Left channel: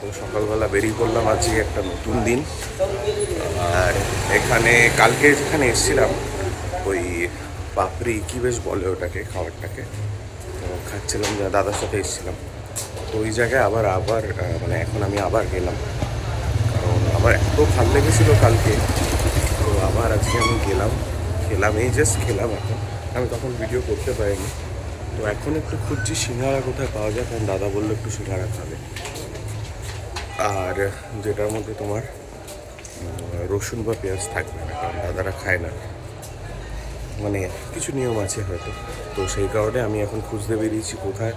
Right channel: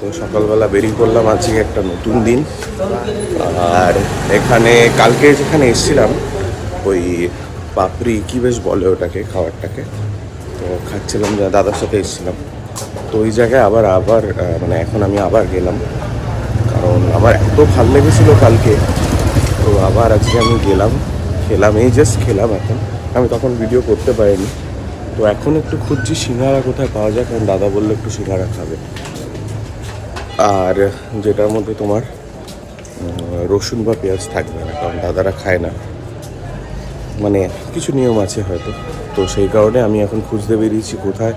তো সকালবেলা বেরিয়ে পড়লাম আজকে একটা নতুন দিন। আর এখানে কালকে যেখানে এসেছিলাম ওই পাপড়ি কি বেশ বলে ওটাকে, খাবারটাকে তো খাচ্ছিলাম, যা দাদার সাথে এসেছিলাম। তো ওই জায়গায় আবার আবার মানে এখন আমি আবার গেলাম, কারণ আমার এত ভাল লেগেছিলো কালকে। তো আবার আজকে আমি গেলাম, খেলাম, এই জাস্ট খেলাম। এখন আমি তখন ভিডিও করতে পারিনি। তো এখন একটু খুঁজছি সিঙ্গারা কোথায় পাওয়া যায়, কারণ দাদা বললো একটু সিঙ্গারা খাবে, আর যেটার মধ্যে তোমার রসুন বা পেঁয়াজ থাকবে না, কারণ দাদারা খায় না, মানে কিছু নিয়ম আছে হয়তো। তো সেই কারণে আমি এখন খুঁজতে বেরিয়েছি কোথায়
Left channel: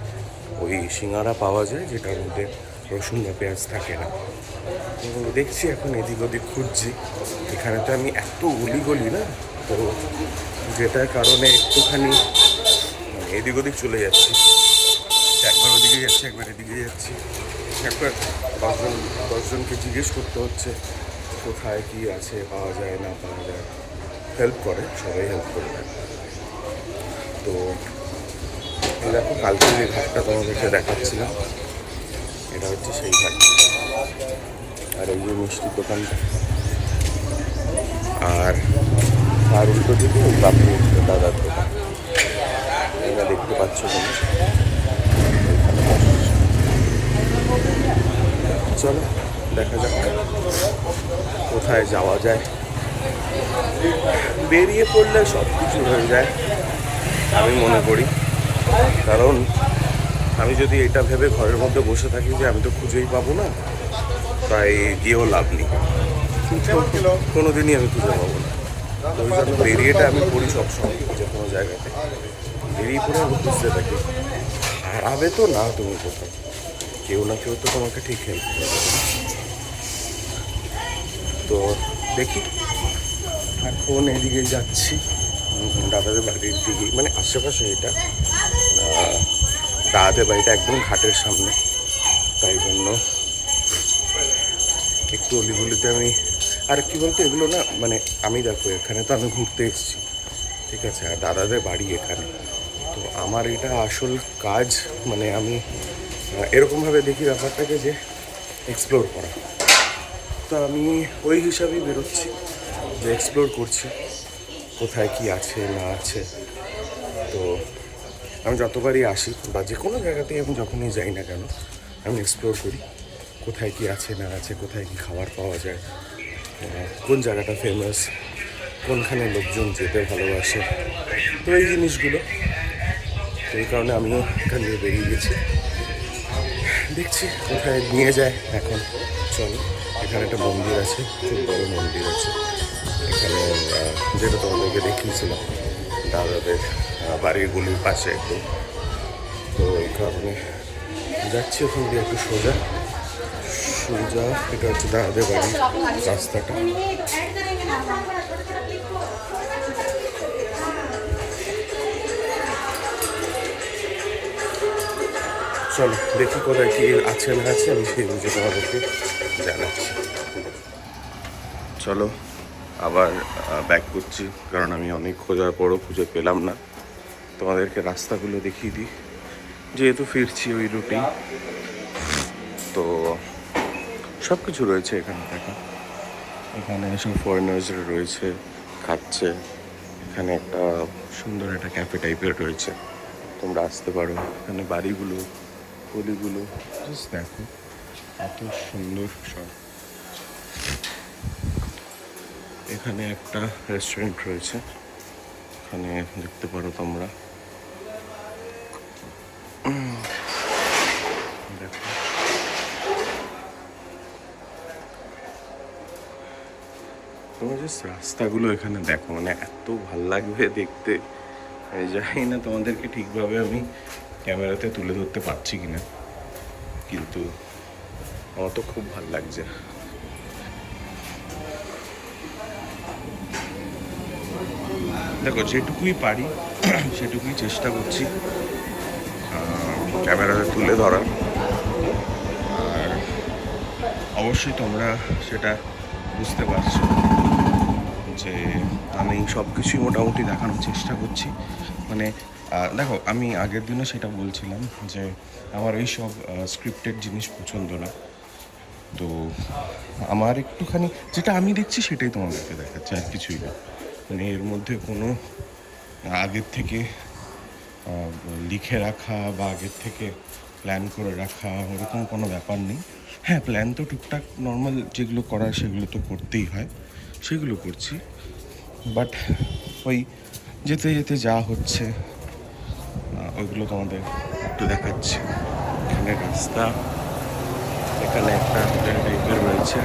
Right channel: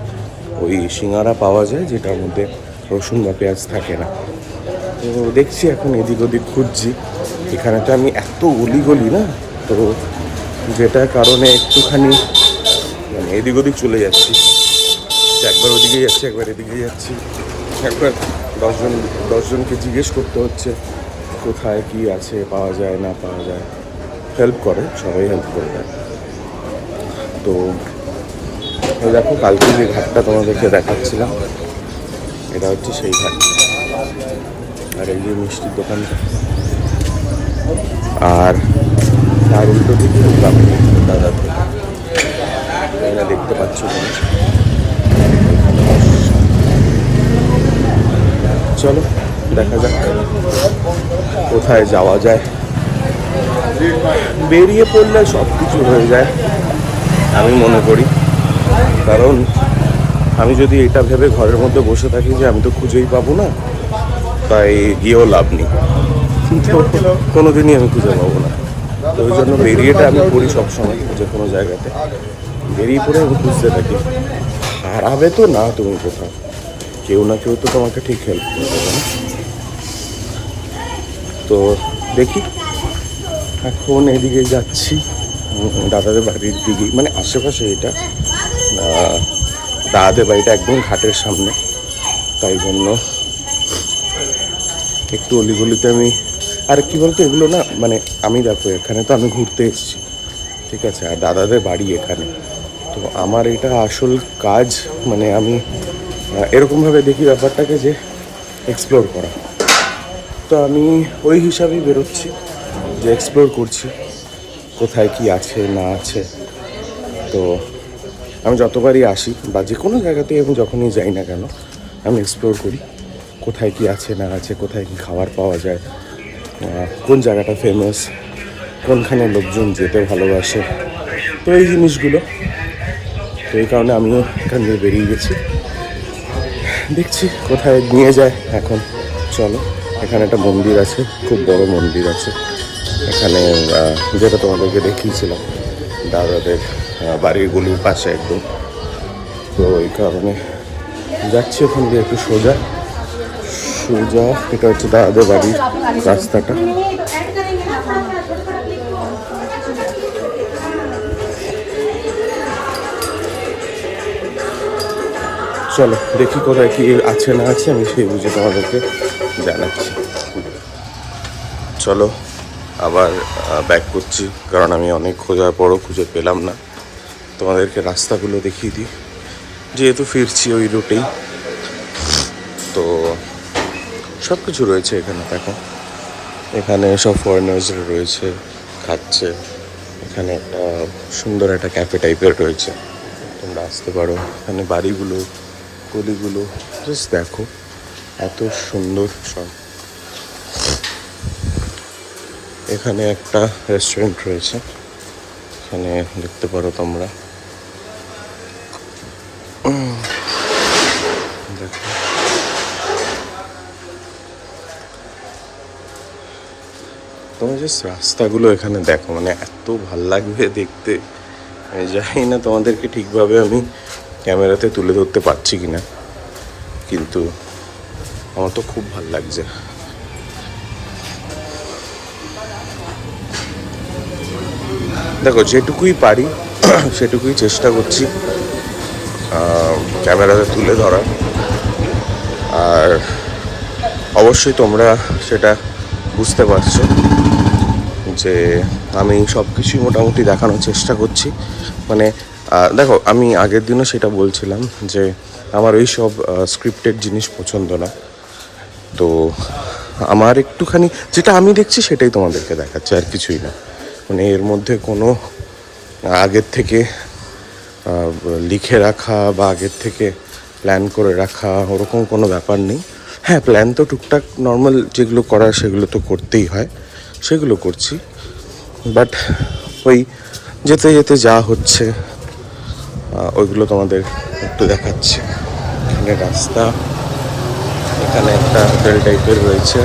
ওই সিঙ্গারা পাওয়া যায় যেটার মধ্যে রসুন বা পেঁয়াজ থাকে না। তো দেখছি এখন এদিক ওদিক খুঁজছি। এখানে তো আমি এত অলিগলি না, তো যেটার কারণে একটুখানি মানে এদিক ওদিক চলে যাচ্ছি, একবার ওদিকে যাচ্ছি, একবার এদিকে যাচ্ছি, একবার দশজনকে জিজ্ঞেস করতে হচ্ছে কোথায় কি আছে, পাওয়া যায় না পাওয়া যায়। হেল্প করে, সবাই হেল্প করে দেয়। তো এই দেখো কালকে যে ঘাটটা তোমাদেরকে দেখাচ্ছিলাম, এটা হচ্ছে সেই ঘাট। আর এই যে মিষ্টির দোকানটা, আর তার উল্টো দিকে দাদার দোকান, এখানে দেখতে পাচ্ছ তুমি। চলো দেখা যাক কোথায় যাওয়া যায়। বেরিয়ে পড়লে সব কিছু হয়ে যায় আমি মনে করি, কারণ আমি যদি এটা ভেবে ঘরের মধ্যে বসে থাকি যে আমি তো খুঁজেই পাবো না, তাই গিয়েও লাভ নেই, কিন্তু কোনোদিনই আমি খুঁজে পাবো না। তো ওই জন্য বেরিয়েটা আমি করি সবসময়, যে কোনো জায়গাতে বেরিয়ে পড়ে আমি খুঁজতে থাকি। হারাবে তো না তুমি কোথাও, কেউ না কেউ তো তোমাকে ঠিক হেল্প করে দেবে না। তো দেখি এখন এদিকে যাচ্ছি দাদাদের বাড়ির দিকে, মানে আশেপাশে এটা দাদাদের বাড়িটা একদম ঘাটের সামনে, তাই জন্য একটু অলিগলিতে আমি। আর কি বলতো এগুলো না, মানে আমি দেখো এখানে তো আমি ঘুরতে এসেছি, ঠিক আছে, আর দাদাদের বাড়ি এখানে। তো আমার এটা আসল কাজ, মানে আমি এরকমভাবে দেখি ব্যাপারটাকে যে এক্সপ্লোর করা। তো আমি ওই হিসাবেই বেরোচ্ছি, যে এক্সপ্লোর করছি কোথায় কি আছে না আছে। তো আমি যতবারই আসি বা যে কোনো জায়গাতেই আমি যখনই যাই না কেন, আমি এক্সপ্লোর করি কোথায় কি আছে না আছে, কোথায় কি খাবার পাওয়া যায়, কোন জায়গাটা ফেমাস, কোনখানে লোকজন যেতে ভালোবাসে। তো এই জিনিসগুলো, তো এই কারণে আমিও এখান থেকে বেরিয়ে গেছি, দেখছি কোথায় নিয়ে যায় এখন। চলো, এখানে একটা মন্দির আছে, খুব বড় মন্দির আছে এখানে, যেটা তোমাদেরকে দেখিয়েছিলাম দাদাদের বাড়ির গলির পাশে একদম। তো এই কারণে যাচ্ছি ওখান দিয়ে একটু সোজা সোজা, এটা হচ্ছে দাদাদের বাড়ির রাস্তাটা। চলো দেখি কোথায় কি আছে না আছে, আমি সেই বুঝে তোমাদেরকে জানাচ্ছি। চলো আবার ব্যাক করছি, কারণ আমি অনেক খোঁজার পরও খুঁজে পেলাম না। তোমাদেরকে রাস্তাগুলো দেখিয়ে দিই, যেহেতু ফিরছি ওই রুটেই। তো সব কিছু রয়েছে এখানে, দেখো এখানে সব ফরেনার্সরা রয়েছে, খাচ্ছে। এখানে একটা সুন্দর একটা ক্যাফে টাইপের রয়েছে, তোমরা আসতে পারো। এখানে বাড়িগুলো, গলিগুলো জাস্ট দেখো, এত সুন্দর সব। এখানে একটা রেস্টুরেন্ট রয়েছে, এখানে দেখতে পারো তোমরা, দেখো তোমার জাস্ট রাস্তাগুলো এখানে দেখো, মানে এত ভাল লাগবে দেখতে। আমি জানি না তোমাদেরকে ঠিকভাবে আমি ক্যামেরাতে তুলে ধরতে পারছি কি না, কিন্তু আমার তো খুব ভাল লাগছে। দেখো যেটুকুই পারি সেটুকুই চেষ্টা করছি ক্যামেরাতে তুলে ধরার, আর অবশ্যই তোমরা সেটা বুঝতে পারছো যে আমি সব কিছুই মোটামুটি দেখানোর চেষ্টা করছি। মানে দেখো, আমি আগের দিনও সেটা বলছিলাম যে আমার ওই সব স্ক্রিপ্টেড জিনিস পছন্দ না। তো আমার একটুখানি যেটা আমি দেখছি সেটাই তোমাদেরকে দেখাচ্ছে, আর কিছুই না। মানে এর মধ্যে কোনো আগের থেকে লিখে রাখা বা আগের থেকে প্ল্যান করে রাখা ওরকম কোনো ব্যাপার নেই। হ্যাঁ, প্ল্যান তো টুকটাক নর্মাল যেগুলো করার সেগুলো তো করতেই হয়, সেগুলো করছি। বাট ওই যেতে যেতে যা হচ্ছে ওইগুলো তোমাদের একটু দেখাচ্ছি। এখানে রাস্তা, এখানে একটা হোটেল টাইপের রয়েছে,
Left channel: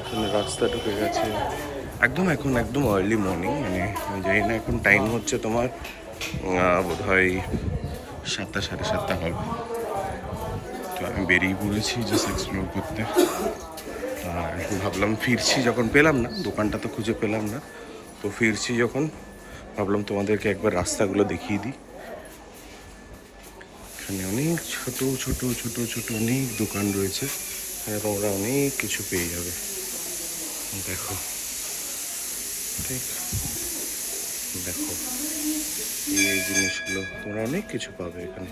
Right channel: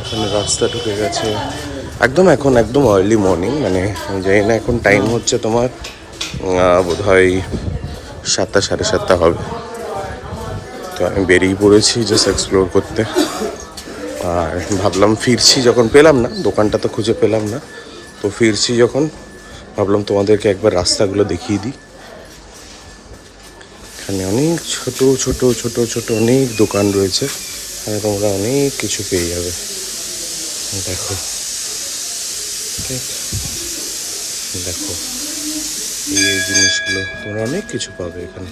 এখানে রাস্তা ঢুকে গেছে একদম। এখন একদম আর্লি মর্নিং, মানে জানি না এখন টাইম হচ্ছে তোমার বোধহয় 7টা 7:30 হবে। তো আমি বেরিয়ে পড়েছি জাস্ট এক্সপ্লোর করতে। আর ভাবলাম ফিরছি যখন, পেলাম না, দোকানটা তো খুঁজে পেলাম না, তো ফিরছি যখন ভাবলাম তোমাদেরকে একবার রাস্তাগুলো দেখিয়ে দিই। এখানে অনেক ছোট ছোট ছোট ছোট অনেক দোকান রয়েছে, এখানে তোমরা অনেক কিছু পেয়ে যাবে। দেখো, ঠিক দেখো, এই জিনিসগুলো তোমরা অনেক কিছু পাবে এখানে।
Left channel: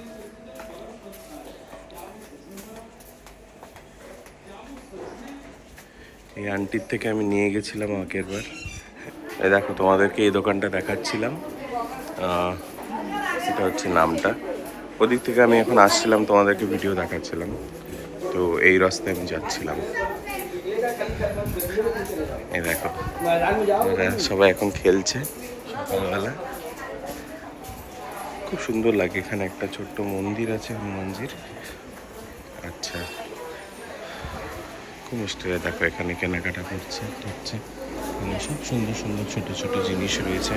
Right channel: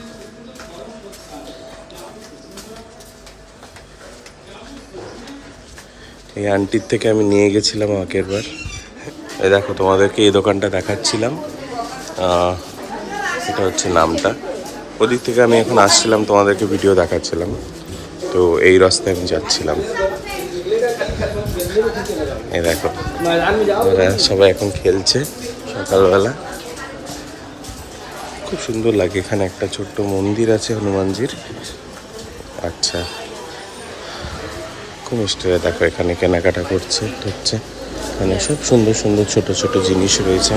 এই আন্টির থেকে আমি নিয়ে গেছিলাম আগের বার। এই দেখো, তোমাদেরকে এই দোকানটা দেখাচ্ছিলাম, এটা হচ্ছে নামটা। ওদিক থেকে আমি এখন আসছিলাম, তোমাদেরকে ভিডিও দেখাচ্ছিলাম। তো এই রাস্তায় আমি যাচ্ছিলাম। এই দেখো, এরা সবাই এখন খেলছে সকালবেলা, খুব সুন্দর লাগে। এখানে একটা ছোট্ট মন্দির আছে, হনুমানজির। আচ্ছা, খুব মিষ্টি। দেখো, এখানে কেনাকাটা করছে হচ্ছে, এখানে সব সুন্দর সুন্দর ছোট ছোট জিনিস রয়েছে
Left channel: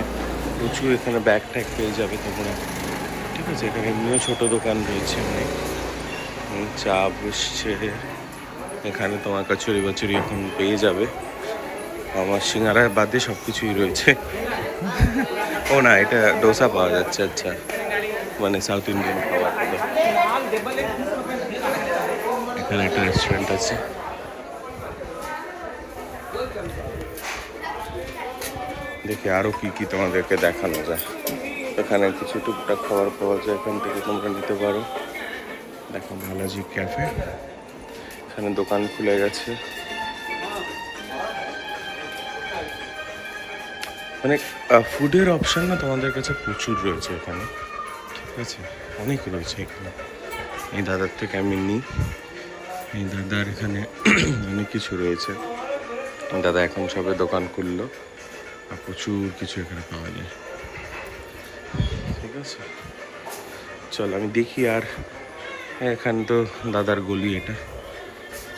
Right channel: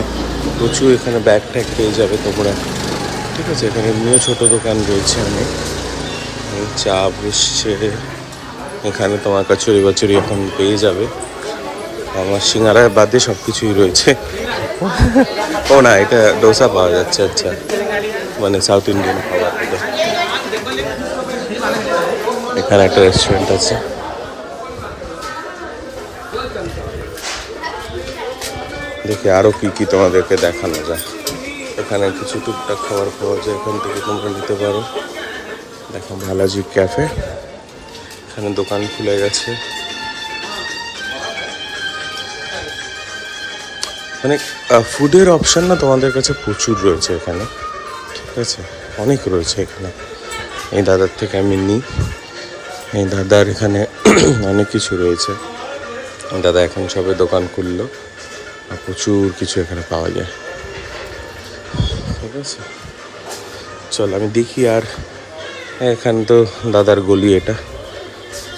প্রচুর। এখানে ব্যাগ ট্যাগ পেয়ে যাবে তোমরা, ঠিক আছে। এখানে এমনিও ছোটো দোকান রয়েছে অনেক, চা বসছে এখানে, তোমার কচুরি বচুরি এখন পেয়ে যাবে। আমার সিঙ্গারার বাদে সব কিছুই রয়েছে। ও না, এটা ডোসা পাওয়া যাচ্ছে। আচ্ছা, মানে সাউথ ইন্ডিয়ান খাবার। এখানে একটা রেস্টুরেন্ট আছে। দেখি আরও কী কী তোমাদেরকে দেখানো যায়। এখানে কিছু টুকটাক খাবার পাওয়া যায়, এখান থেকে তোমরা নিতে পারো। দেখো, ভালাজি ক্যাফে, এখানে দোকান খুলে গেছে। মানে ফুডের অপশান না তোমাদের কাছে প্রচুর রয়েছে এখানে, ঠিক আছে, অনেক রয়েছে এখানে। এই দাদার থেকে আমি নিই, এই দাদার এখানে অনেক কিছু রয়েছে। দাদা এখন সবে দোকান খুললো, আর প্রচুর কিছু এখানে পাওয়া যায়, ঠিক আছে। চল আমি দেখি। আর এখানে তো দাদার গলি এটা,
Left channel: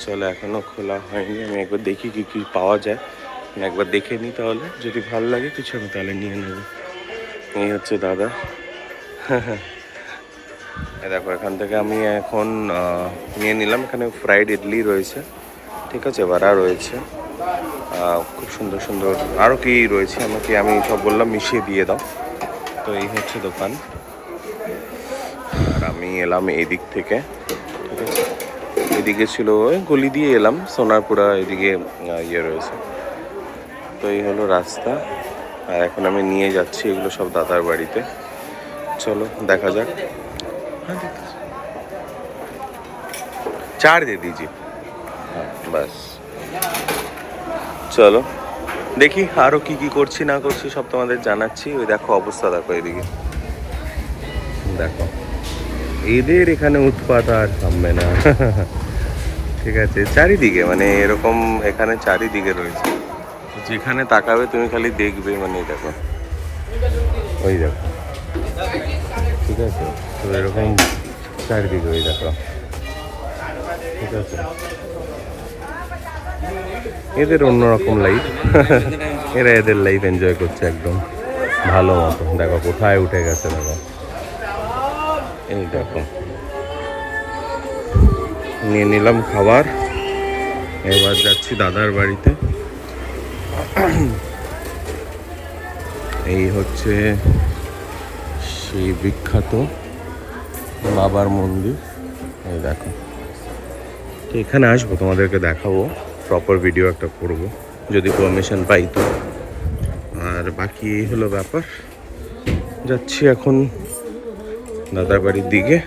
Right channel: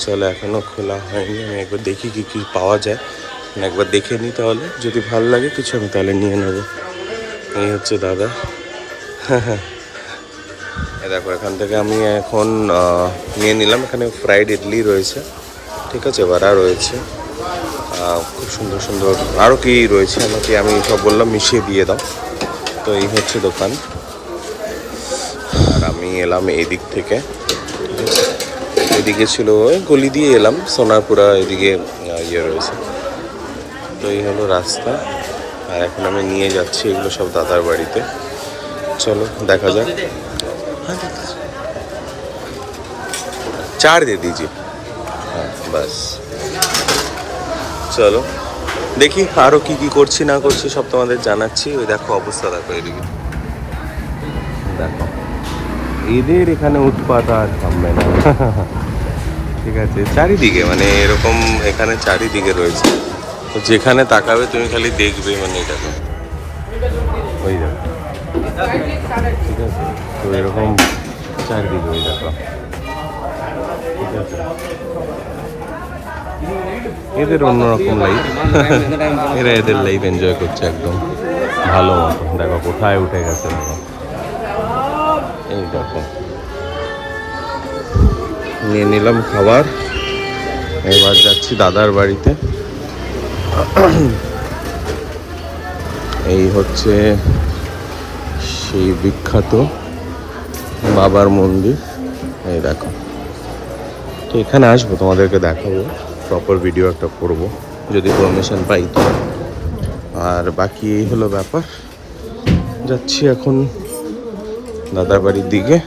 চলো, এখনও খোলা হয়নি। আমি একবার দেখি কী কী পাওয়া যায়, একবার দেখে নিই, তাহলে যদি ভালো লাগে কিছু আমি তাহলে নিয়ে নেবো। এই হচ্ছে দাদা। হ্যাঁ, দেখো, এখান থেকে আমি এখন নিয়ে নিলাম। এখানে ফ্রাইড ইডলি রয়েছে, ঠিক আছে, বড়া রয়েছে, খুব সুন্দর সুন্দর আরও কি রয়েছে, আমি সব বললাম মিশিয়ে দিয়ে দাও। তো এই হচ্ছে দোকান। আর আমি এলাম এদিক থেকে, ঠিক আছে। এদিকে ছিল গলি দিয়ে এলাম, সোনারপুরা এদিকে ইয়ে রয়েছে। তো এই হলো রাস্তা, আর এখন আমি নিয়ে যাচ্ছি এগুলো সব দাদার বাড়িতে। চলো দেখা যাক। চার দিয়ে দিজি, হ্যাঁ বাস। চলো দেখি আরও কী কী করছি না করছি সব তোমাদের জানাচ্ছি। ওই দেখো অবস্থা, দেখো এদিকে, দেখো এদের এখানে উৎপাত আর থামবে না। ঠিক আছে, চারিদিকে মানে এরকম, এখানে চারিদিকে রয়েছে, তো যেখানে তাকাবে তুমি খালি দেখবে, মানে দেখো ওই দেখো, ঠিক আছে। তো এরকম চারিদিকে ওই দেখো, ঠিক আছে। এদের অন্যরকম লাইফ, এরা এদের লাইফ এনজয় করছে একদম ভালো মতো। দেখো কোথায় উঠে গেছে, দেখো এই দেখো। নিয়ে নিলাম খাবার, এবার যাচ্ছি দাদার বাড়িতে। এই হচ্ছে সেই বিখ্যাত বাবার মন্দির, এই দেখো। তো এখানে আসবো, তোমাদেরকে দেখাবো, প্রপার ভিডিও একটা করব যদি পারমিশন পাই তো। আর বাকি এই হলো ব্যাপার। যাচ্ছি এখন দাদার বাড়ির দিকে।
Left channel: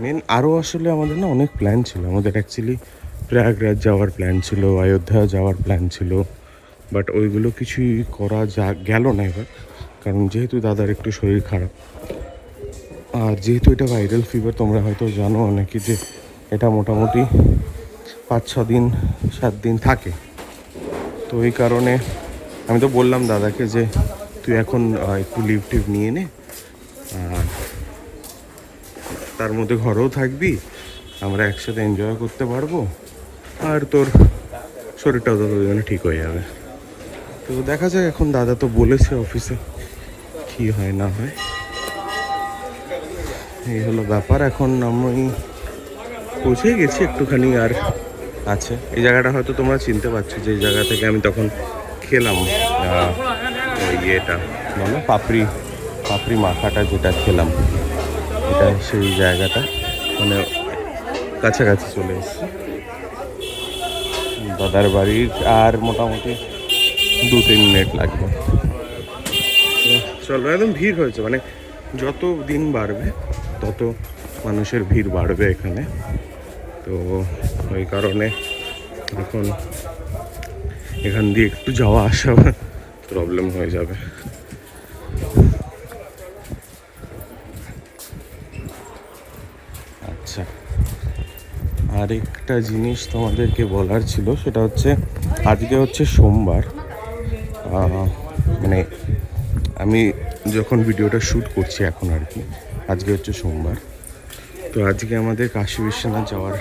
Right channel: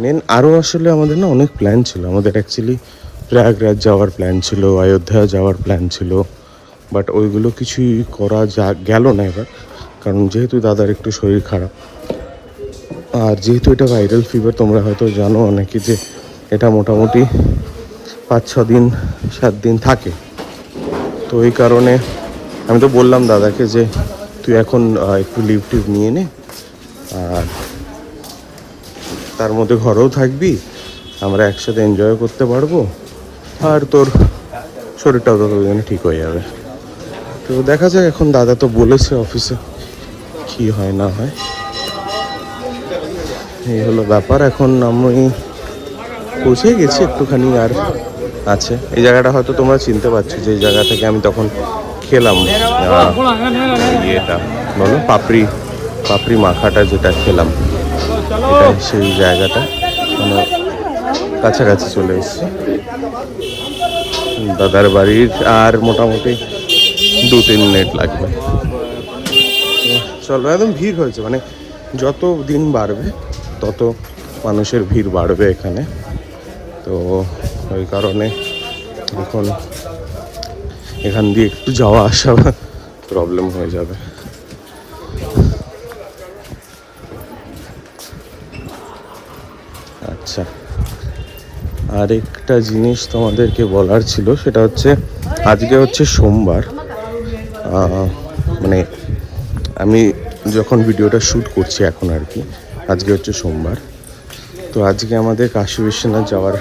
মেন আরও আসলে আমাদের না অনেক প্ল্যান ছিল। আমাদের অ্যাকচুয়ালি প্রয়াগরাজ যাওয়ার প্ল্যান ছিল, অযোধ্যা যাওয়ার প্ল্যান ছিল, বাট ওইগুলো কিছুই করা গেল না এবার, কারণ যেহেতু দাদার একটু শরীর খারাপ, আর যেহেতু এটা ভাইরাল ফিভার, তোমরা হয়তো জানো অনেকে যে এটা মোটামুটি 5-6 দিন 7 দিন থাকে। তো এই কারণে আমি তো বললাম দাদাকে যে তুই এখন একটু লিভ টুভ নিয়ে নে, আর তার মধ্যে ঘরেও থাকবি, আমরা একসাথে এনজয় করতে পারবো, আর তোর শরীরটাও তো ঠিক হয়ে যাবে। তো দেখা যায়, এখন দাদা তো বলেছে অফিসে কি হয় না হয়। এই হলো ব্যাপার। এখন আমি পৌঁছে গেছি, একটুখানি আর আছে। এই জায়গাটা হয়তো তোমরা চিনতে পারছো, যে এই জায়গা থেকে আমি তখন খেলাম ইয়েটা বলো পাপড়ি মাখাটা যেটা খেলাম, সেই জায়গাটা মানে কাছাকাছি চলে এসছে দাদার বাড়ির। আর মোটামুটি 2-3 মিনিট লাগবে। চলো, একদম ভিড় হয়েছে, মানে যত দিন বাড়বে তত মানুষের ভিড় বাড়বে এখানে। তো ওই কারণে এখন এখান দিয়ে একটু যাওয়া আসা প্রবলেম হয়ে যাবে। আচ্ছা, আরেকটা জিনিস তোমাদেরকে বলার ছিল, সেটা হচ্ছে আজকে হচ্ছে সোমবার। মানে আমি যখন ভিডিওটা শ্যুট করছি এখন আর কি, আজকে হচ্ছে সোমবার। তো আজকে আমাদের কাশী বিশ্বনাথ যাওয়ার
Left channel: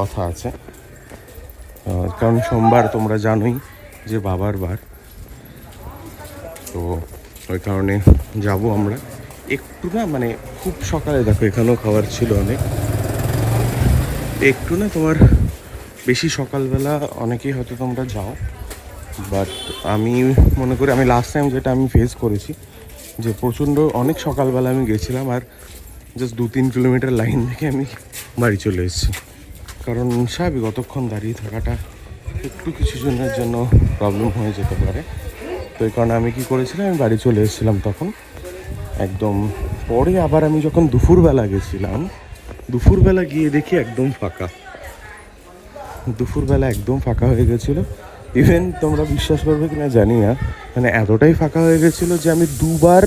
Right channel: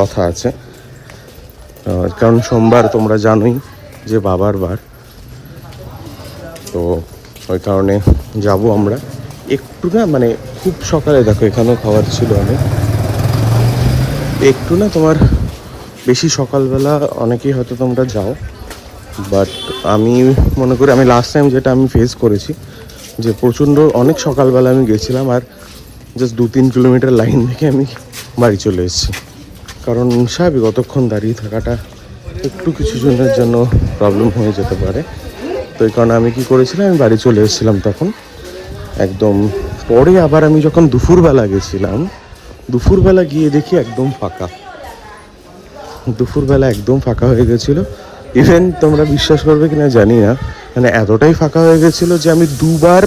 কথা আছে, কারণ সোমবার তোমরা জানোই যে বাবার বার। তো ওই কারণে যাব আমরা একটু না, মানে খুব সকালে। দেখো এখানেও খাবার ছিল অনেক, একটু না তোমার বেশি সকালবেলা অনেকেই হয়তো তোমরা যাও, বাট আমি মনে করি আমি লাস্ট টাইম যেটা আমি ফেস করেছি, যে প্রচণ্ড অনেক সকালবেলা আমি গেছিলাম, আর জাস্ট 2-3 কিলোমিটার লাইন থেকে আমি বাড়ি চলে এসেছি। কারণ স্বাভাবিক অতক্ষণ দাঁড়িয়ে থাকাটা একটু কিছু জনের জন্য প্রবলেম হয়ে যেতে পারে। তো এই কারণে আমি কী করেছিলাম, আমি বাড়ি চলে এসেছিলাম তখন একদম। পরে আবার আমি যখন দুপুরবেলা গেছিলাম, দুপুরবেলা গিয়ে দেখি একদম ফাঁকা, দুপুরবেলা একদম ফাঁকা হয়ে গেছিলো। ইভেন তোমরা বিশ্বাস করবে কিনা জানি না, মানে এতটাই ফাঁকা হয়ে গেছিলো যে আমি 2বার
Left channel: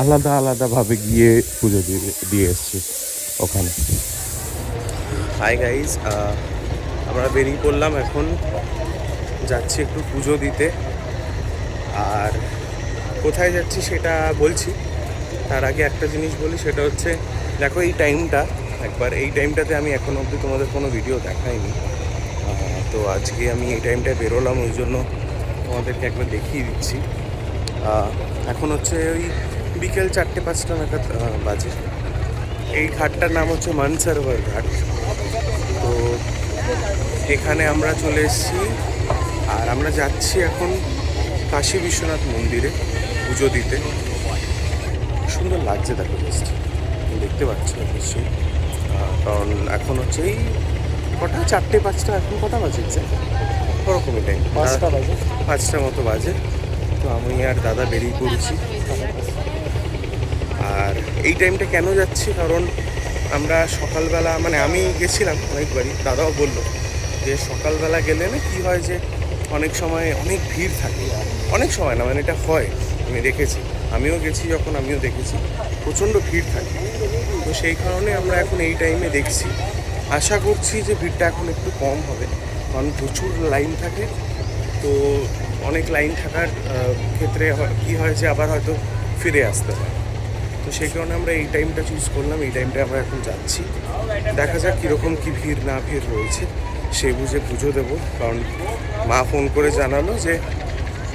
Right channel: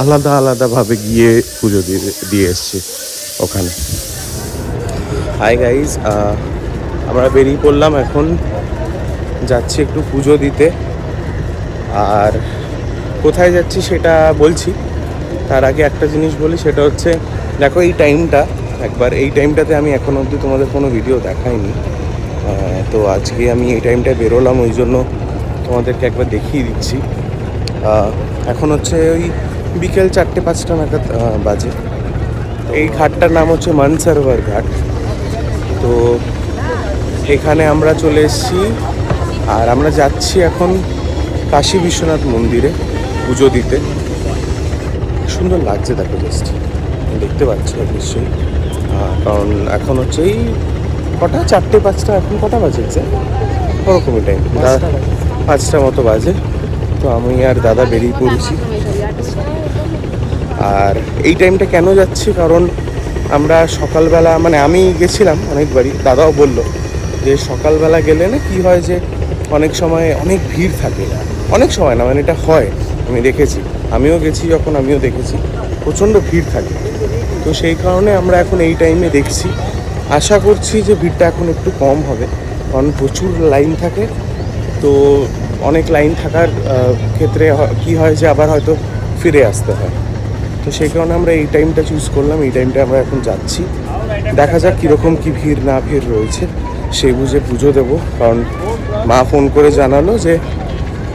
আলাদাভাবে গিয়ে পুজো দিয়ে এসেছি ওখানে। হাই গাইজ, আমরা বেরিয়ে পড়লাম, এখন যাচ্ছি একটু পুজো দিতে। আর কোথায় যাচ্ছি সেটা বলছি, তার আগে একটা জিনিস বলি, সেটা হচ্ছে দেখো এই টাইমটা, একবার এই টাইমটাতে আমি এখনো অবধি তোমাদের কোনো ভিডিও দেখাইনি। তো আজকে আমি এই টাইমটায় বেরোলাম, ওই জন্য তোমাদেরকে একবার দেখিয়ে দিচ্ছি। এখন হচ্ছে ওই বিকেল 4-5টা নাগাদ বাজে। এই ঘাটটার নাম হচ্ছে মানসারোভার ঘাট। তো এখানে আমরা চলে এসেছি, আর আমরা যাচ্ছি এখন কাশী বিশ্বনাথ মন্দিরে পুজো দিতে। সুন্দর লাগছে, দেখো জাস্ট দেখতে পাচ্ছ নিশ্চয়ই। কারণ এখন হচ্ছে এই কটা 4-5টা, এখন কটা বাজে ওরকমই টাইম, 5টা মতো বাজে। তো আমি আর দাদা বেরিয়ে পড়েছি। আর এই টাইমটা কেন যাচ্ছি, কারণ আমরা সকালবেলা, মানে আমি গেছিলাম অনেকবারই, দাদাও বলল যে সকালবেলা গেলে না কী হয়, যে অনেক সময় অনেক ভিড় থাকে। অনেক সময় না, মানে এটা হয়, আমি দেখেছি, আমিও গেছি যখন, আমিও দেখেছি প্রচণ্ড ভিড় থাকে। তো সেই কারণে আমরা এখন এই টাইমে দেখছি। আশা করছি যে ভিড়টা এখন একটু কম হবে, কারণ প্রচুর লাইন থাকে। তো অনেক লাইন থাকার ক্ষেত্রে কি হয় যে আবার হয়তো ফিরে আসতে হয়। তো সেই কারণে আমরা এই টাইমটা চুজ করলাম, এই টাইমটা আমরা এখন যাচ্ছি। দেখা যাক কীরকম কী ভিড় না ভিড় রয়েছে, সেই বুঝে পুজো দেবো। কারণ মা ফোন করে জানালো যে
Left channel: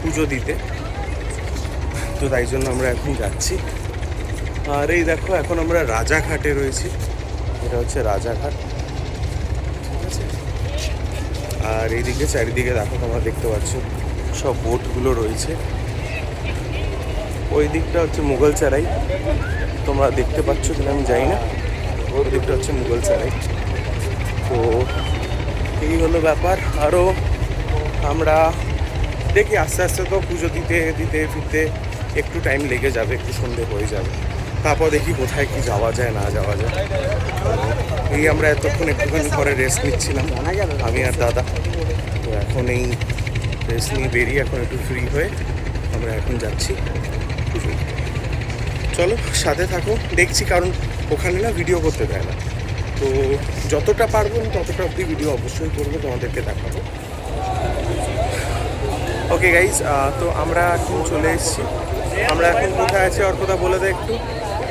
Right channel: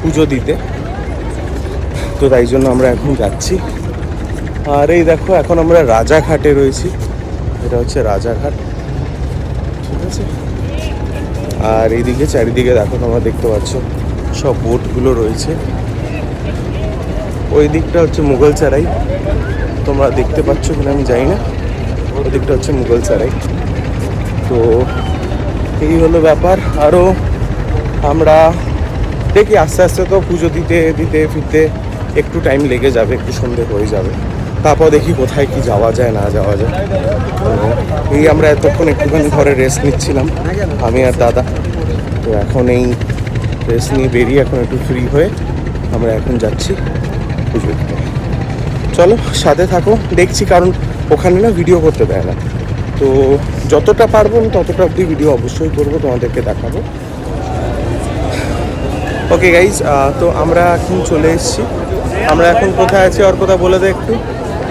পুজো দিতে, তো তাই জন্য আমরা এখন যাচ্ছি। আর এই দেখো এখন আমরা রাজাঘাটে রয়েছি, এটা হচ্ছে রাজাঘাট, ঠিক আছে। আর এইদিকে চারিদিকে দেখো তোমরা দেখতে পাচ্ছ সব বোটগুলো রয়েছে। ওই দিকটা হচ্ছে মুঘলসরাই, তোমরা দেখতে পাচ্ছ কিনা আমি জানি না, ওই দিকটা হচ্ছে মুঘলসরাই। তো এই হলো ব্যাপার। আরও আমরা দেখি আস্তে আস্তে তো পুজো দিতে দিতে ফিরতে একটু টাইম লেগে যাবে, একটু সন্ধে হয়ে যাবে, তারপর দেখি কোথায় কি যাওয়া যায় না যাওয়া যায়। এই আমরা এতক্ষণ একটুখানি ঘরে রেস্ট নিচ্ছিলাম আমি আর দাদা, তো এখন এই রেস্ট নিয়ে বেরিয়ে এখন একটু ফ্রি হয়ে আমরা এখন যাচ্ছি পুজো দিতে। চলো সাথে থাকো, দেখছি, কারণ ওখানে না ভিডিও করতে দেয় না, তো যতটা পারবো আমি ততটা অবধি ভিডিও অবশ্যই করবো, তোমাদেরকে দেখাবো। ওকে গাইজ, তো আমরা এখন চলে এসেছি। আমরা এখন কোথায় আছি আর কোথায় বলে দেয় একটু?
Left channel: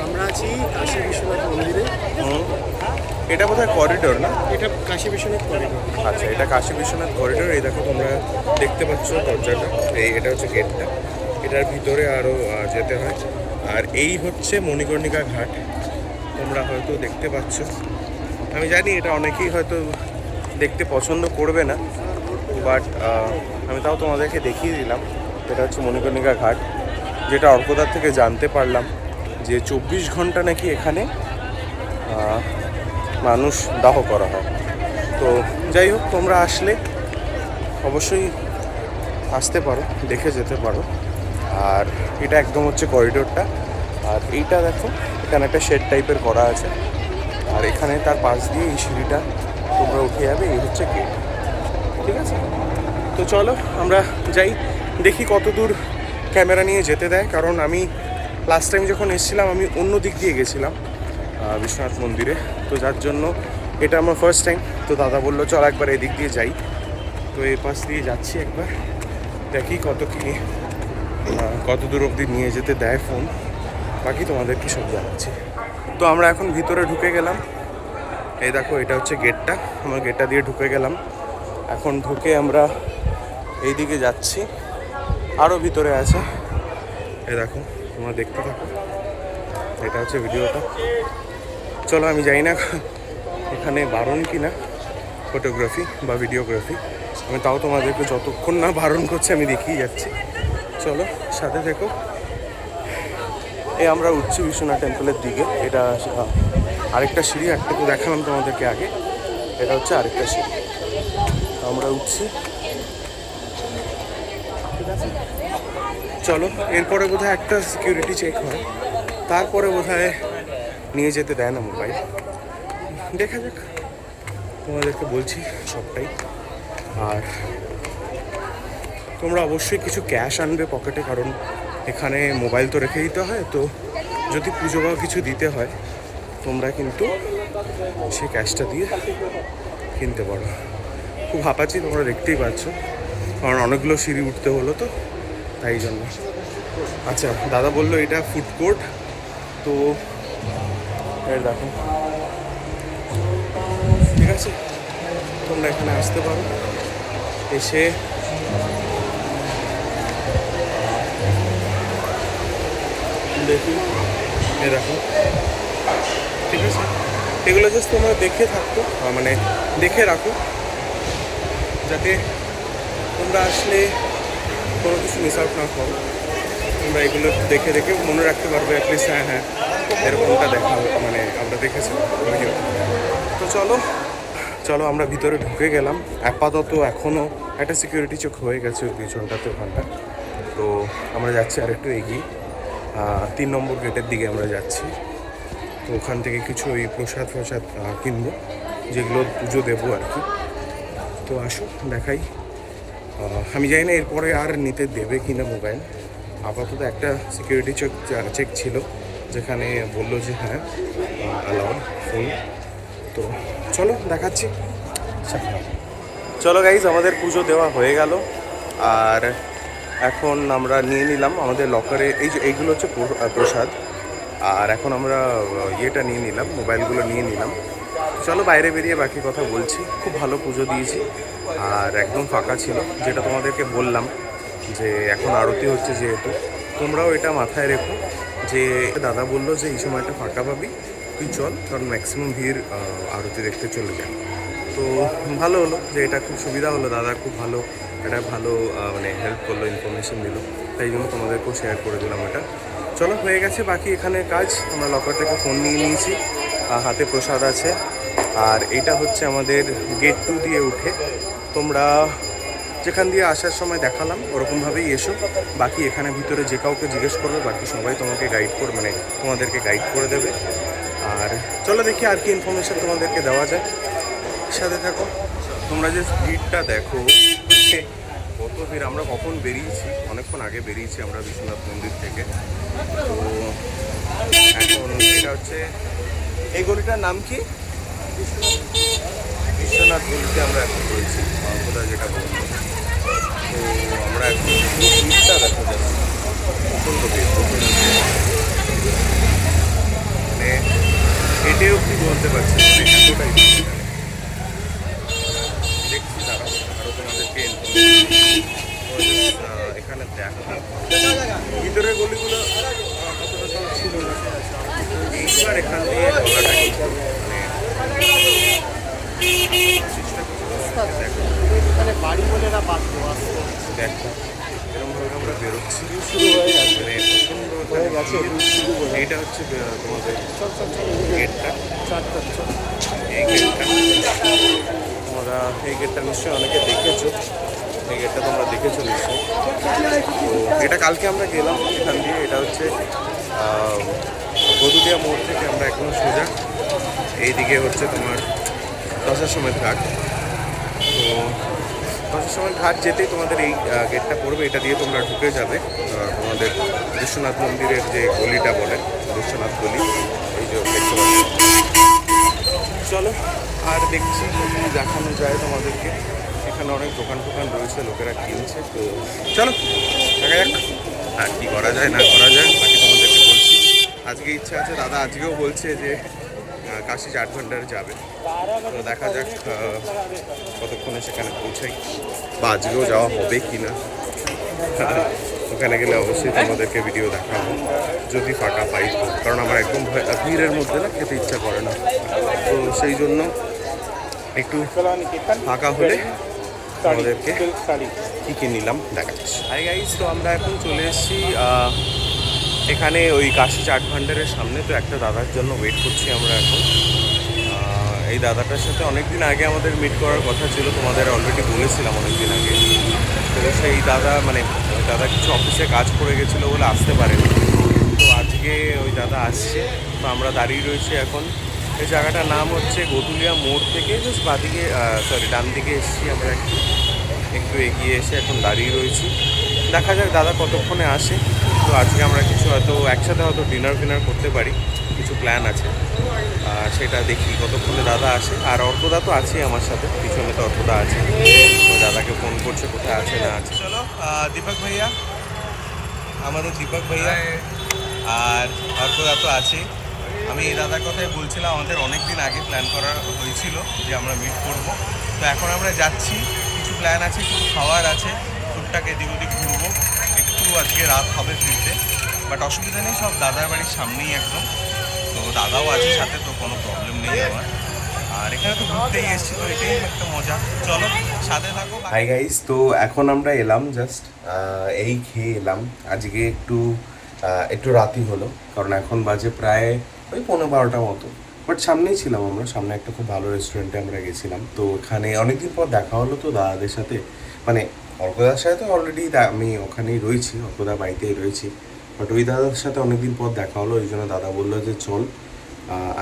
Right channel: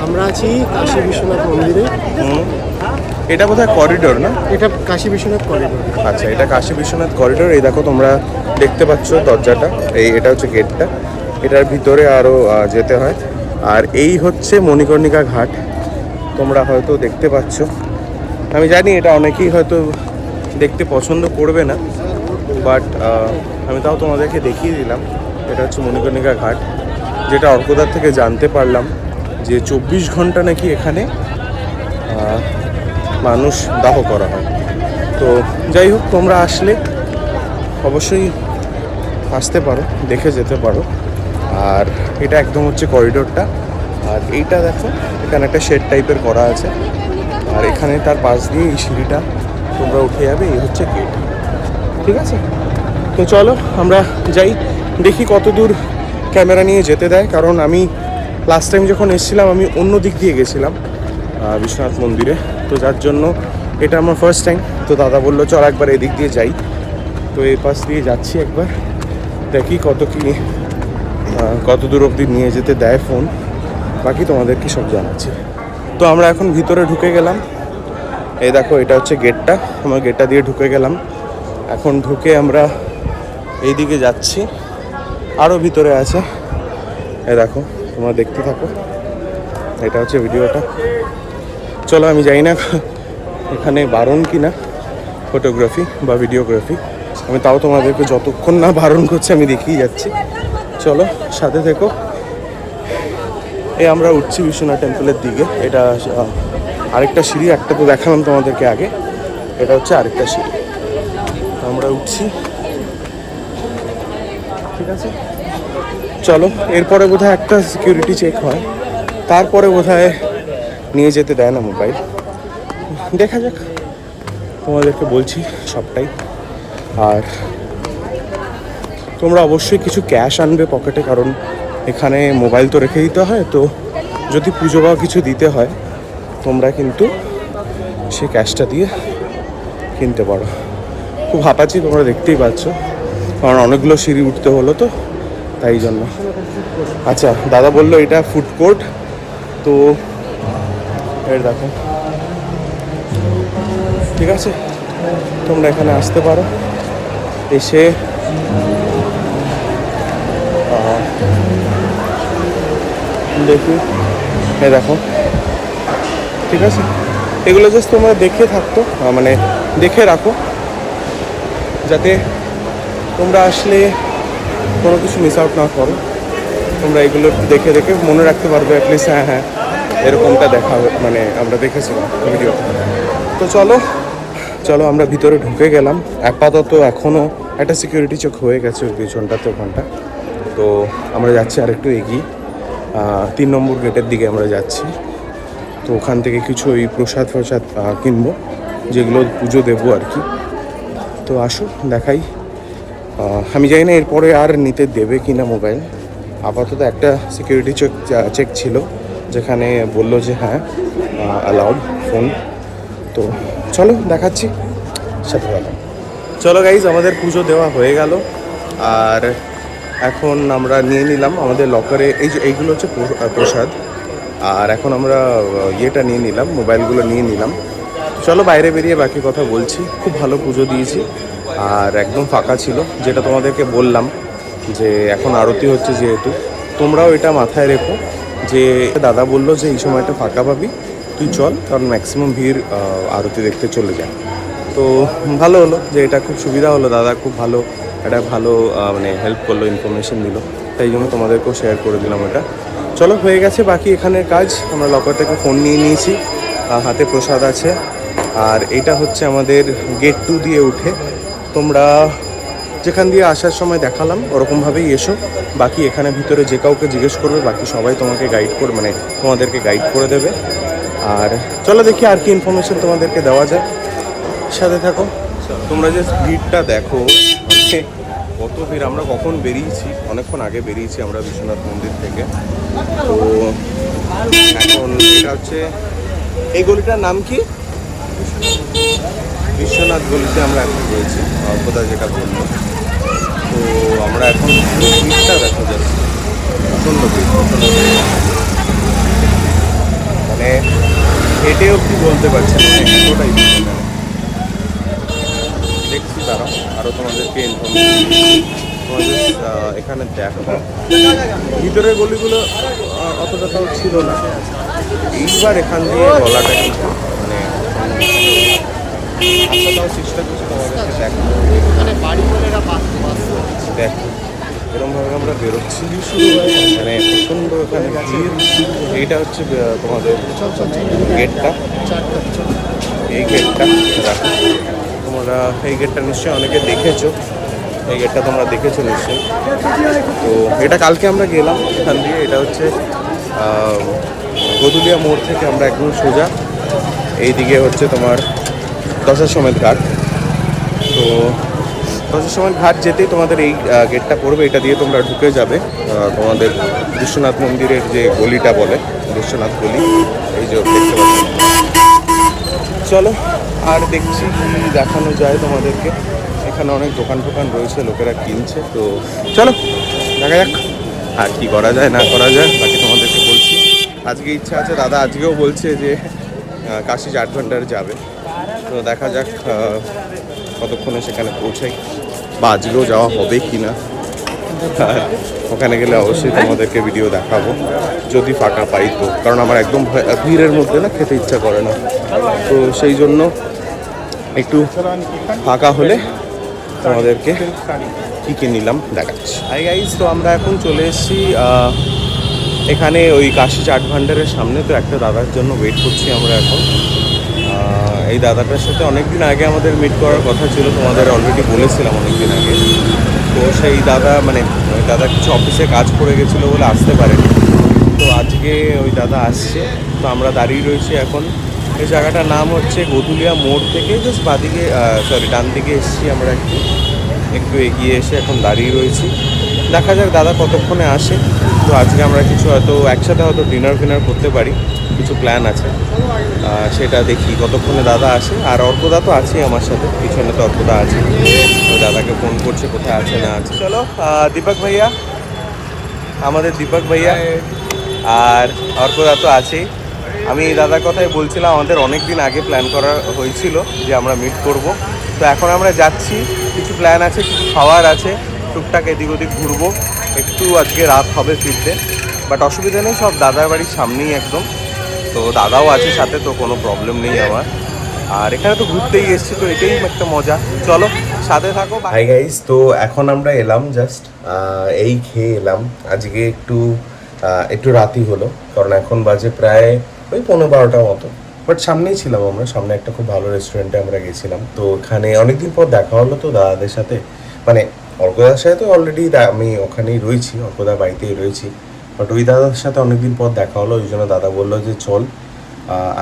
আমরা আছি কাশী বিশ্বনাথ মন্দিরে। এটা বোধহয় করিডোর না? এটা কাশী বিশ্বনাথ করিডোর। আচ্ছা, এটা কাশী বিশ্বনাথ করিডোর। এই দেখো তোমরা দেখতে পাচ্ছ দরজাটা, এটা হচ্ছে গেটটা, এটার ভিতরে আরও যেতে হয়। আর এই হচ্ছে মণিকর্ণিকা ঘাট, তোমরা হয়তো দেখতে পাচ্ছ। আমি জানি এটা অনেকেই হয়তো দেখতে পছন্দ করবে না, বাট আমি তাও তোমাদেরকে দেখিয়ে দিলাম। এটা হচ্ছে মণিকর্ণিকা ঘাট, যেটা অর্কদার থেকে জানতে পারলাম যে 24 ঘন্টা নাকি এখানে মানুষ দাহ করা হয়। তো যাই হোক, তোমরা আসলে অবশ্যই আসতে পারো, দেখে যেতে পারো। আর এটা একদম হচ্ছে করিডোরটা, আর এইটা দেখো এখানে একটা শেড টাইপের করা আছে, আর এখানে তার পাশ দিয়ে এই সিঁড়িটা তোমরা উঠে যাবে, এই হচ্ছে গেট। ঠিক আছে, তো চলো আমরা যাই, দেখি কত দূর ক্যামেরা নিয়ে যেতে দেয়। কারণ আমি লাস্ট টাইম যখন এসেছিলাম আমি অন্য দিক দিয়ে গেছিলাম বিশ্বনাথ মন্দিরে, তো যার জন্য এটা আমার ফার্স্ট টাইম। তো দাদা বললো চল একবার এদিক দিয়ে যাই, তো এই পাশ দিয়ে যাচ্ছি একবার, দেখি কত দূর অবধি নিয়ে যেতে দেয় ফোন, বাকি তোমাদেরকে সব জানাচ্ছি। তো আমরা এখন ভিতরে ঢুকে গেলাম, এই দেখো এটা হচ্ছে গেটটা, আমরা গেটটা দিয়ে ঢুকে গেলাম। এখন ঢুকে আমরা এই দিকে যাচ্ছি, আরও ভিতরে আছে, এই দেখো তোমরা দেখতে থাকো, এটা হচ্ছে ভিডিওটা। চলো, আমি জানি না এখানে বারণ কিনা ফটোগ্রাফি বা ভিডিওগ্রাফি, আমি তাও তোমাদেরকে যতক্ষণ না বারণ করছে আমি দেখিয়ে যাচ্ছি। চলো সাথে থেকো। আমরা উঠছি বিশ্বনাথ টেম্পলের দিকে, এটা আরেকটা সিঁড়ি, একটা তো দেখালাম তোমাদেরকে আগে, এটা হচ্ছে আরেকটা সিঁড়ি, আমরা উঠছি। ঠিক আছে, চলো। এরপরে বোধহয় একটা সিকিউরিটি চেক হয়, তারপরে বোধহয় নিয়ে যেতে দেয় না মোবাইল, দেখা যাক, তোমাদেরকে বলছি সবটাই। আর তোমরা অবশ্যই কিছু ক্যাশ আনবে পকেটে, কারণ এখানে মোবাইল তো রেখে দিতে হয়, তো যদি পুজো বা কিছু দিতে হয় তোমরা কিন্তু সেই ক্যাশটা দিয়ে কিনতে পারো। খুব হাঁপাচ্ছি, তোমরা দেখতেই পাচ্ছ, কারণ অনেকগুলো সিঁড়ি উঠতে হলো তো তাই জন্য। আচ্ছা, দাদা বললো এটা ফুড কোর্ট, তো এর দেখো, ঠিক আছে, তোমরা এখানে আসতে পারো, এসে দেখি, এই দেখো, ঠিক আছে, এগুলো জাস্ট তোমরা দেখে থাকতো, মানে দেখে রাখো, যাতে তোমরা আসলে কোনো কিছু মিস আউট না করো। তোমরা এগুলো দেখে দেখে মনে রাখতে পারবে অ্যাটলিস্ট, হ্যাঁ হ্যাঁ এরকমটা দেখা, মানে আমরা দেখেছিলাম ভিডিও। তো চলো চলো আমরা ভিতরে ঢুকে গেলাম। আপাতত এখনও একটা সিকিউরিটি চেক হয়ে গেছে ওই পিছনটাতে, ওখানটা। তো আমরা যাচ্ছি আর একটু এগিয়ে, 3 নম্বর গেটের দিকে আমরা যাচ্ছি। তো ওখান থেকে কিছু ওই প্রসাদ কিনবো, যেগুলো পুজো দেবো আর কি। তো আসো দেখাই। আমি জানি না এরপরে আর নিতে দেবে কি না মোবাইল। আপাতত একটা সিকিউরিটি চেক ছিল, যেখানে বললো যে হ্যাঁ অ্যালাউড ফোন। তো চলো দেখাচ্ছি, সাথে থাকুন। চলো গাইজ, আমাদের পুজো দেওয়া হয়ে গেল, আর এখন আমরা নিয়ে নিলাম আমাদের লকারে, এই যে এইগুলো হচ্ছে প্রসাদ, আর এখন আমরা ইয়েটা নিয়ে নিলাম, মোবাইলগুলো নিয়ে নিলাম। চলো বাইরে বেরিয়ে বাকি কথা বলছি। খুব ভালো পুজো দিয়েছি, আর একদম ফাঁকা ছিল, যেটা তোমাদেরকে বললাম যে এখন আরতি হচ্ছে যেহেতু, তোমরাও এটা মাথায় রেখো যে দাদা বললো যে এই সময়টা ফাঁকা পাবি, তুই চল, কারণ ম্যাক্সিমাম ভিড় আরতি দেখতে চলে যায়। তো ভালো হলো যে এটা খুব সুবিধা হলো, দাদা খুব ভালো একটা মানে হেল্প করলো, ইনফরমেশন দিল, তাই জন্য তোমাদেরকেও শেয়ার করে দিলাম এটা। চলো হয়ে গেছে বাকি এখানে কাজ। আমরা লকার থেকে ফোন নিয়ে নিয়েছি, হাতে প্রসাদ আছে, আর এটা হচ্ছে আমাদের গেট 2 দিয়ে উঠে। তোমরা যেখান দিয়ে আসার সময় দেখালাম ওরকমভাবেই এসো। বাকি এখানে ভিতরে যে কাউকে জিজ্ঞেস করবে বাকি সবাই তোমাকে গাইড করে, মানে তোমাদেরকে গাইড করে দেবে। আর চলো দেখি আর কি ইনফরমেশন তোমাদেরকে দেওয়া যায়, সাথে থাকো। তোমরা যে ভিড়টা দেখো, মানে কত ভিড়। আমরা কখন বেরিয়েছি, অনেকক্ষণ আগে বেরিয়েছি আমরা বিশ্বনাথ মন্দির থেকে। তো এখন এটা হচ্ছে, এই গলিটার নাম কি? বিশ্বনাথ গলিতে আমরা এখন রয়েছি, অল্পদা যেটা বললো। তো আমরা এখন ভিড়টা দেখা যাচ্ছে, প্রচণ্ড ভিড়, প্রচণ্ড ভিড়। মানে হেঁটেও কি বলতে পারছে না, মানে এতটাই ভিড় এখানে। দেখছি তারা আরও তোমাদেরকে তোমাদের এখানে দেখো ভিতরের গলিগুলো অতটা তো ছিল না। এবার এখান দিয়ে গলাটা কিন্তু মানে আসাটাও চেষ্টা করছি তোমাদেরকে দেখো। মানে বাড়ি বলে এরা দেখো এরকমভাবে আমরা বেরোচ্ছি, মানে প্রচণ্ড এখানে ভিড়। এইটা হচ্ছে তোমাদের গেটটা, এই গেটটা দেখো তোমরা। এই গেটটা নিশ্চয়ই অনেকে দেখেছো, এই গেটটা তোমরা দেখেছো নিশ্চয়ই। তো এটা কালকে আমরা গেলাম এখান দিয়ে। এটা হচ্ছে গদুলিয়া মোড় থেকে আমরা একদম সোজা এইদিকে হচ্ছে তোমার দশাশ্বমেধ ঘাট। তো দশাশ্বমেধ ঘাট যেতেই তোমাদের এই গেটটা পড়বে, এটা দিয়ে তোমরা ঢুকে যাবে তোমাদের বিশ্বনাথ মন্দিরের যে গলিটা বলে বিশ্বনাথ গলি, এই যে দেখতে পাচ্ছ। চলো আর দেখছি কি দেখানো যায় তোমাদেরকে। এখানে অনেক দোকান টোকান রয়েছে, লোকেরা কিনছে। তো চলো দেখা যাক আর কি করা যায় না করা যায়, বাকি তোমাদেরকে বলছি। আজকে ইচ্ছা আছে, দাদা আজকেও বলছে যে কাশি 8 ঘন্টার যাবে। তো দেখা যাক কতক্ষণে সেখানে পৌঁছাই, বা আজকেও যাওয়া হবে কি না। ওখানে গেলে অবশ্যই তোমাদেরকে ভিডিও দেখাবো যদি ফাঁকা পাই তো, কারণ আমার একদম ভিড়ের মধ্যে না খেতে ইচ্ছা করে না। তো সেই জন্য একটু ফাঁকা হলে তোমাদেরকে কী কী নিলাম দেখাচ্ছি। হাই গাইস, তো আমরা এখন চলে এসেছি এখানে ওই কাশি চাট ভান্ডারের সামনে। তো একটা দাদার জন্য ওয়েট করছি আমরা এখন। এই দাদাটার সাথে অনেকদিন আগে আমাদের মিট করার কথা ছিল, তোমাদের অলরেডি বলেছিলাম অনেকদিন আগে। তো সেই দাদা মানে ওই দাদা কিছু অফিসে কাজ পড়ে গেছিলো বলে আসতে পারেনি। তো আজকে ওই দাদা আসছে। তো আমরা দাঁড়িয়ে রয়েছি এখন। এই জায়গাটার নাম হচ্ছে গদুলিয়া মোড় থেকে জাস্ট বাদিকে ডান দিকে এসেছি আমরা, একটু এগিয়ে এসে এখন দাঁড়িয়ে রয়েছি। দেখা যাক দাদা কতক্ষণে আসে। তো আজকে আমরা কিছু হয়তো একসাথে হয়তো ডিনার ফিনার করতে পারি, কিছু প্ল্যান আছে। সেটা দেখি কতক্ষণে দাদা আসে। আর অর্কদা তো আছেই আমার সাথে, পিছনে তো অর্কদা আছে। ওই দাদাকে ফোন করছে কোথায় আছে না আছে। চলো দীপক ভাইয়া, আমাদের দীপক ভাইয়া আর অর্কদা তো আছেই। আমি দাদার কথাই বলছিলাম, আমাদের অনেক দিন আগে প্ল্যান করা হয়েছিল যে আমরা মিট করব। তো এখন আমরা যাচ্ছি, কিছু প্ল্যান আছে, কিছু খাওয়ার আছে, টুকটাক এদিক ওদিক ঘুরবো। একটু আজকে রাত হবে ফিরতে, বাট অসুবিধা নেই, সব দাদার বাড়ির সামনেই একদম। তো দাদাও আছে সাথে, তো কোনো প্রবলেম নেই আমার। আর এখানে তো ঘুরতেই এসেছি, তো এটাই একটা মজা। চলো সাথে থাকো। হাই গাইস, তো এখন আমরা এলাম জাস্ট এই খেয়ে এলাম। আজকে একটু রাতই হলো, কারণ এখন বাজে প্রায় ওই 11-12টার মতো। বাট সামনেই ছিলাম আমরা, সামনে একটা খুব ভালো রেস্টুরেন্টে আমরা গেছিলাম। তো ওখানে অনেকদিন পর দেখা হলো তো দাদাদের সাথে, মানে অর্কদার সাথে তো অলরেডি আমি ওখানেই রয়েছি, অর্কদার বাড়িতেই রয়েছি। বাট ওই দাদার সাথে অনেকদিন পর দেখা হলো, ওই জন্য দাদা বললো যে চল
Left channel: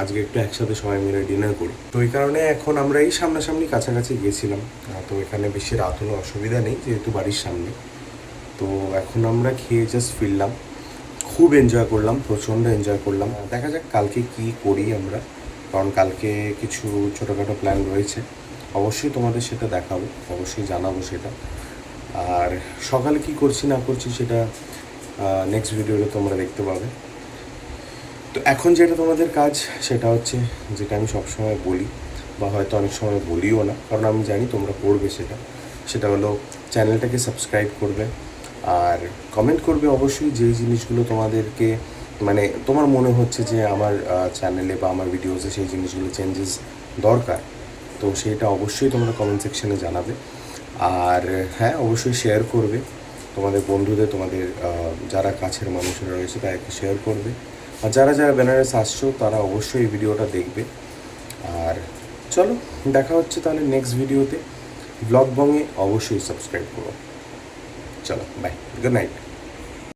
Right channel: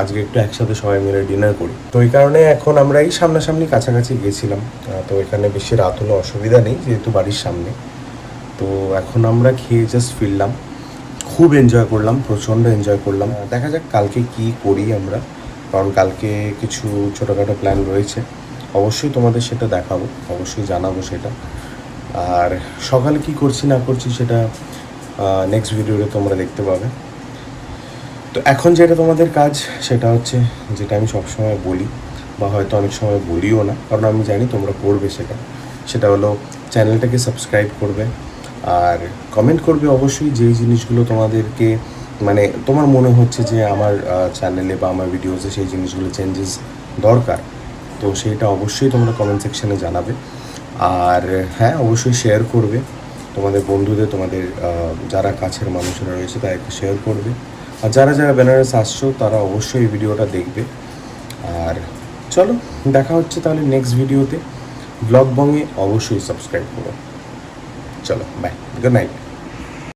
আজকে একটু একসাথে সবাই মিলে ডিনার করি। তো ওই কারণে এখন আমরা এই সামনাসামনি কাছাকাছি গেছিলাম। তো এখানে বেশি রাত হলো অসুবিধা নেই, যেহেতু বাড়ির সামনে। তো এখন আমরা খেয়ে জাস্ট ফিরলাম, খুব এনজয় করলাম, প্রচণ্ড এনজয় করলাম। দেখা যাক কালকে কি করি আমরা, কারণ কালকে কিছু ছোটোখাটো প্ল্যান রয়েছে। অবশ্যই তোমাদের সেটা দেখাবো, অবশ্যই জানাবো সেটা। আর সকালে কি করছি না করছি সেটা নেক্সট ভিডিওতে তোমরা দেখতে পাবে। তো এখন যেটা তোমাদের কাজ সেটা হচ্ছে, যেটা আমি সবসময় বলি বা হয়তো অনেক সময় বলিও না, কারণ আমি জানি তোমরা করবে সেটা হলো চ্যানেলটাকে সাবস্ক্রাইব করবে আর কমেন্ট করবে অবশ্যই যেই জিনিসগুলো তোমাদেরকে মানে তোমার মনে হচ্ছে যে আমার চ্যানেলে বা আমার ভিডিওতে সেই জিনিসগুলো চেঞ্জেস দরকার। তো সেইটা অবশ্যই তোমরা কমেন্ট সেকশানে জানাবে। আর হ্যাঁ, অবশ্যই শেয়ার করবে তোমাদের বন্ধুদের, তোমাদের যারা কাছের মানুষরা রয়েছে তাদেরকে শেয়ার করবে। আর যারা যারা বেনারস আসছো তারা অবশ্যই এই ভিডিওটা দেখবে। আর চলো দেখা হচ্ছে তাহলে নেক্সট ভিডিওতে। ব্লগ বঙে অবশ্যই সাবস্ক্রাইব করো। চলো বাই, গুড নাইট।